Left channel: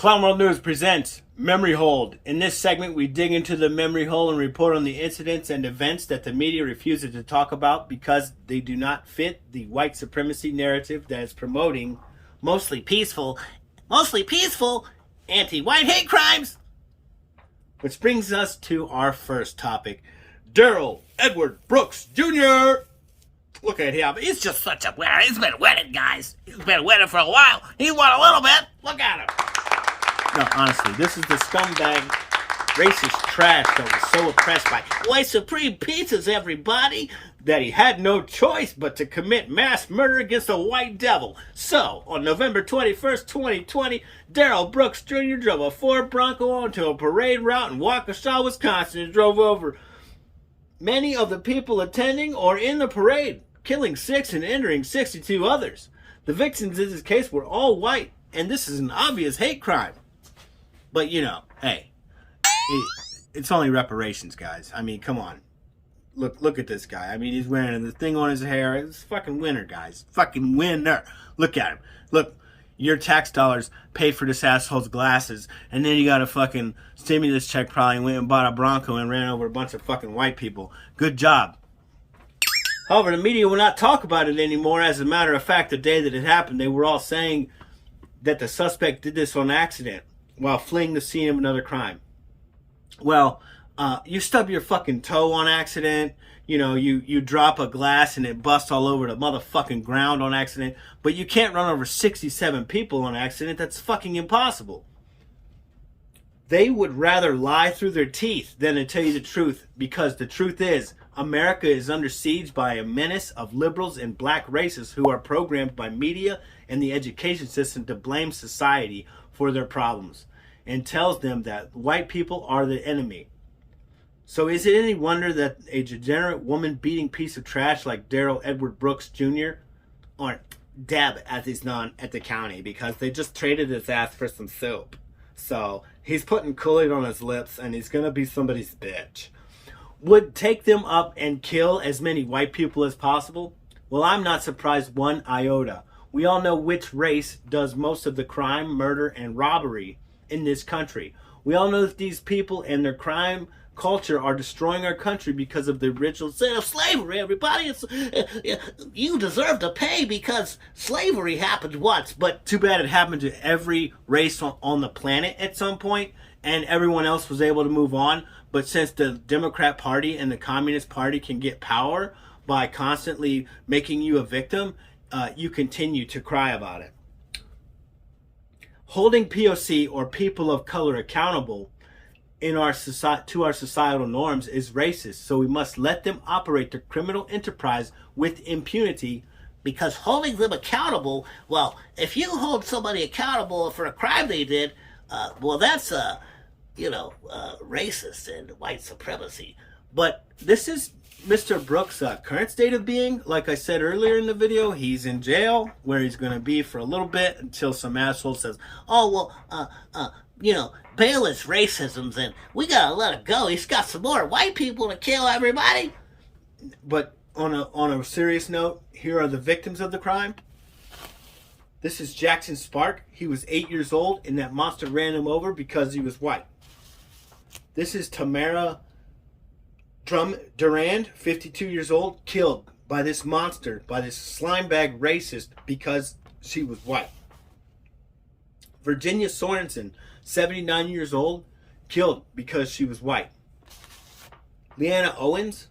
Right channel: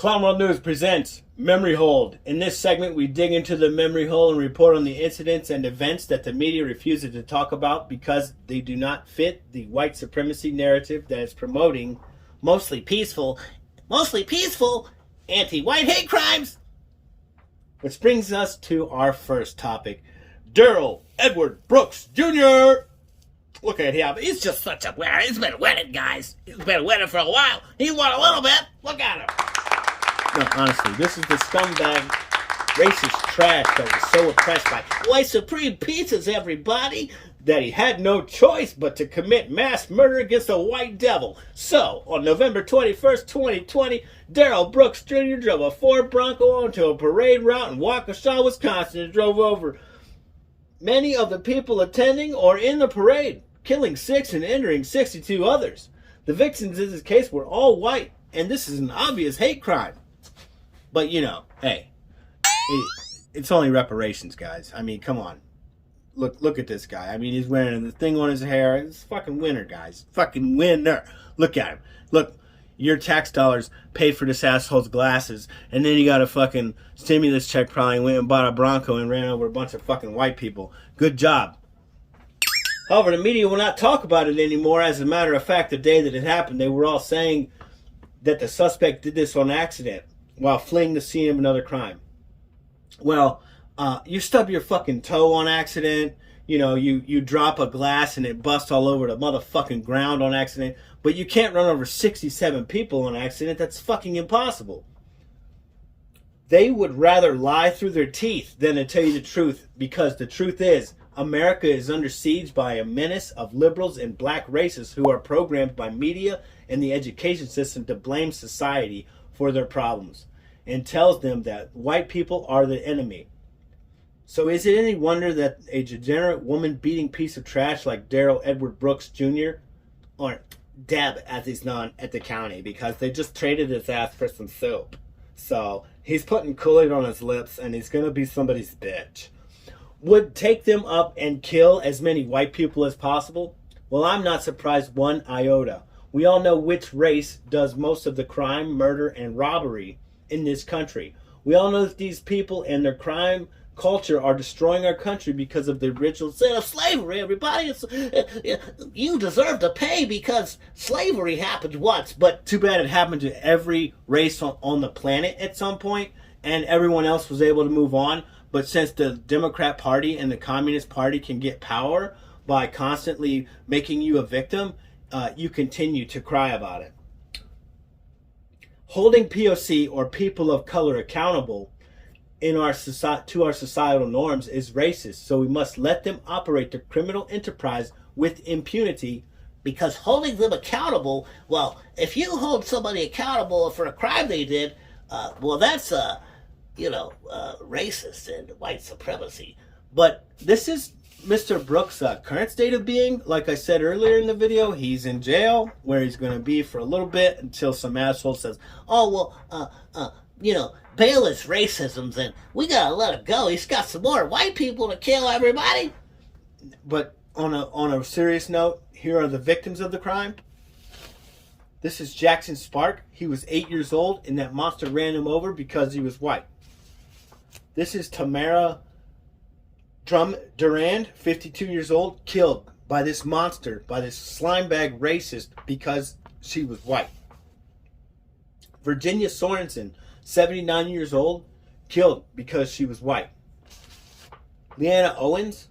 Clown World News presents Memory Hold. In this segment, we dig into the memory hole and report on the incidents and events that the media refuses to talk about because they do not fit the white supremacy narrative that is promoting mostly peaceful anti-white hate crimes. Which brings us to our first topic. Darrell Edward Brooks Jr. Look at him. He's just such a winner. He's been winning, guys. He's been winning for a while. He won a little bit. Look at him. No, honestly, this is the scumbag, racist trash that was so oppressed by white supreme pizzas, everybody, that he had no choice but to commit mass murder against a white devil. So, on November 21st, 2020, Darrell Brooks Jr. drove a Ford Bronco onto a parade route in Waukesha, Wisconsin, and drove over many of the people attending or in the parade, killing 6 and injuring 62 others. The victims in this case were all white, and this is an obvious hate crime. But, you know, hey, it's only reparations, guys. I mean, come on. Look at this guy. I mean, he's wearing the thing on his hair. It's fucking winner, guys. Fucking winner. Look at him. Look, your tax dollars paid for this asshole's glasses, and then you got a fucking stimulus check, probably went and bought a Bronco and ran over a bunch of fucking white people. Good job. However, the media will not talk about it anymore. As a matter of fact, the day that it happened, they were all saying that the suspect did this on accident while fleeing the scene of another crime. Well, you stub your fucking toe on accident. You know, you drop a glass and it busts all over the motherfucking ground on accident. But you can't run over 67 people on accident. That's fucking impossible. They would rather lie through their teeth than to tell you the truth, because the truth is, America is under siege by a menace of liberals and black racists who are programmed by media and the education system to blame society for their problems and tells them that white people are the enemy. So is it any wonder that a degenerate woman-beating piece of trash like Darrell Edward Brooks Jr., or Deb as he's known at the county, because they just traded his ass for some soap. So he's putting Kool-Aid on his lips and he's going to be somebody's bitch. Would take them up and kill as many white people as possible? Well, I'm not surprised one iota. We all know which race does most of the crime, murder, and robbery in this country. We all know that these people and their crime culture are destroying our country because of the original sin of slavery. Everybody, you deserve to pay because slavery happened once. But too bad it happened to every race on the planet at some point, and everyone else was able to move on. But since the Democrat Party and the Communist Party can get power by constantly making you a victim, you continue to cry about it. Holding POC, or people of color, accountable to our societal norms is racist, so we must let them operate their criminal enterprise with impunity, because holding them accountable, well, if you hold somebody accountable for a crime they did, well, that's racist and white supremacy. But this is Mr. Brooks' current state of being. Like I said earlier in the video, he's in jail where he's going to be for a little bit until some asshole says, oh, well, bail is racism and we got to let him go. He's got some more white people to kill everybody. But on a serious note, here are the victims of the crime. This is Jackson Spark. He was 8 years old and that monster ran him over because he was white. This is Tamara Durand, 52 years old, killed by this monster, by this slimebag racist because she was white. Virginia Sorensen, 79 years old, killed because she was white. Leanna Owens,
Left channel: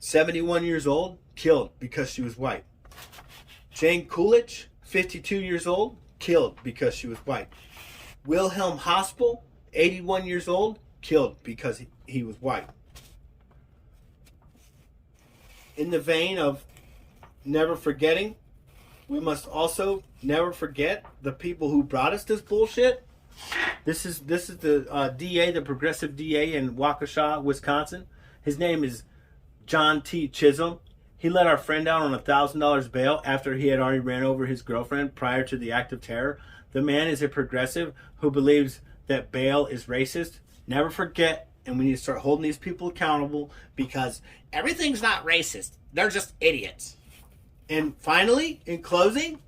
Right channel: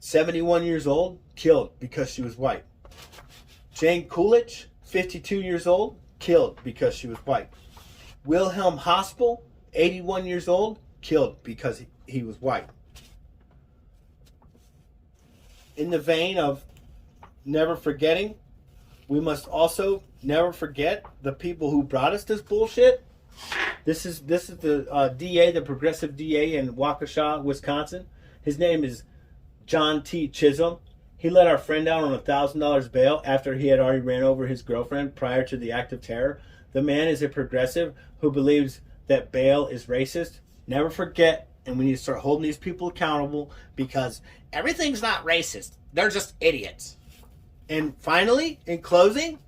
71 years old, killed because she was white. Jane Coolidge, 52 years old, killed because she was white. Wilhelm Hospel, 81 years old, killed because he was white. In the vein of never forgetting, we must also never forget the people who brought us this bullshit. This is the DA, the progressive DA in Waukesha, Wisconsin. His name is John T. Chisholm. He let our friend out on $1,000 bail after he had already ran over his girlfriend prior to the act of terror. The man is a progressive who believes that bail is racist. Never forget. And we need to start holding these people accountable, because everything's not racist. They're just idiots. And finally, in closing,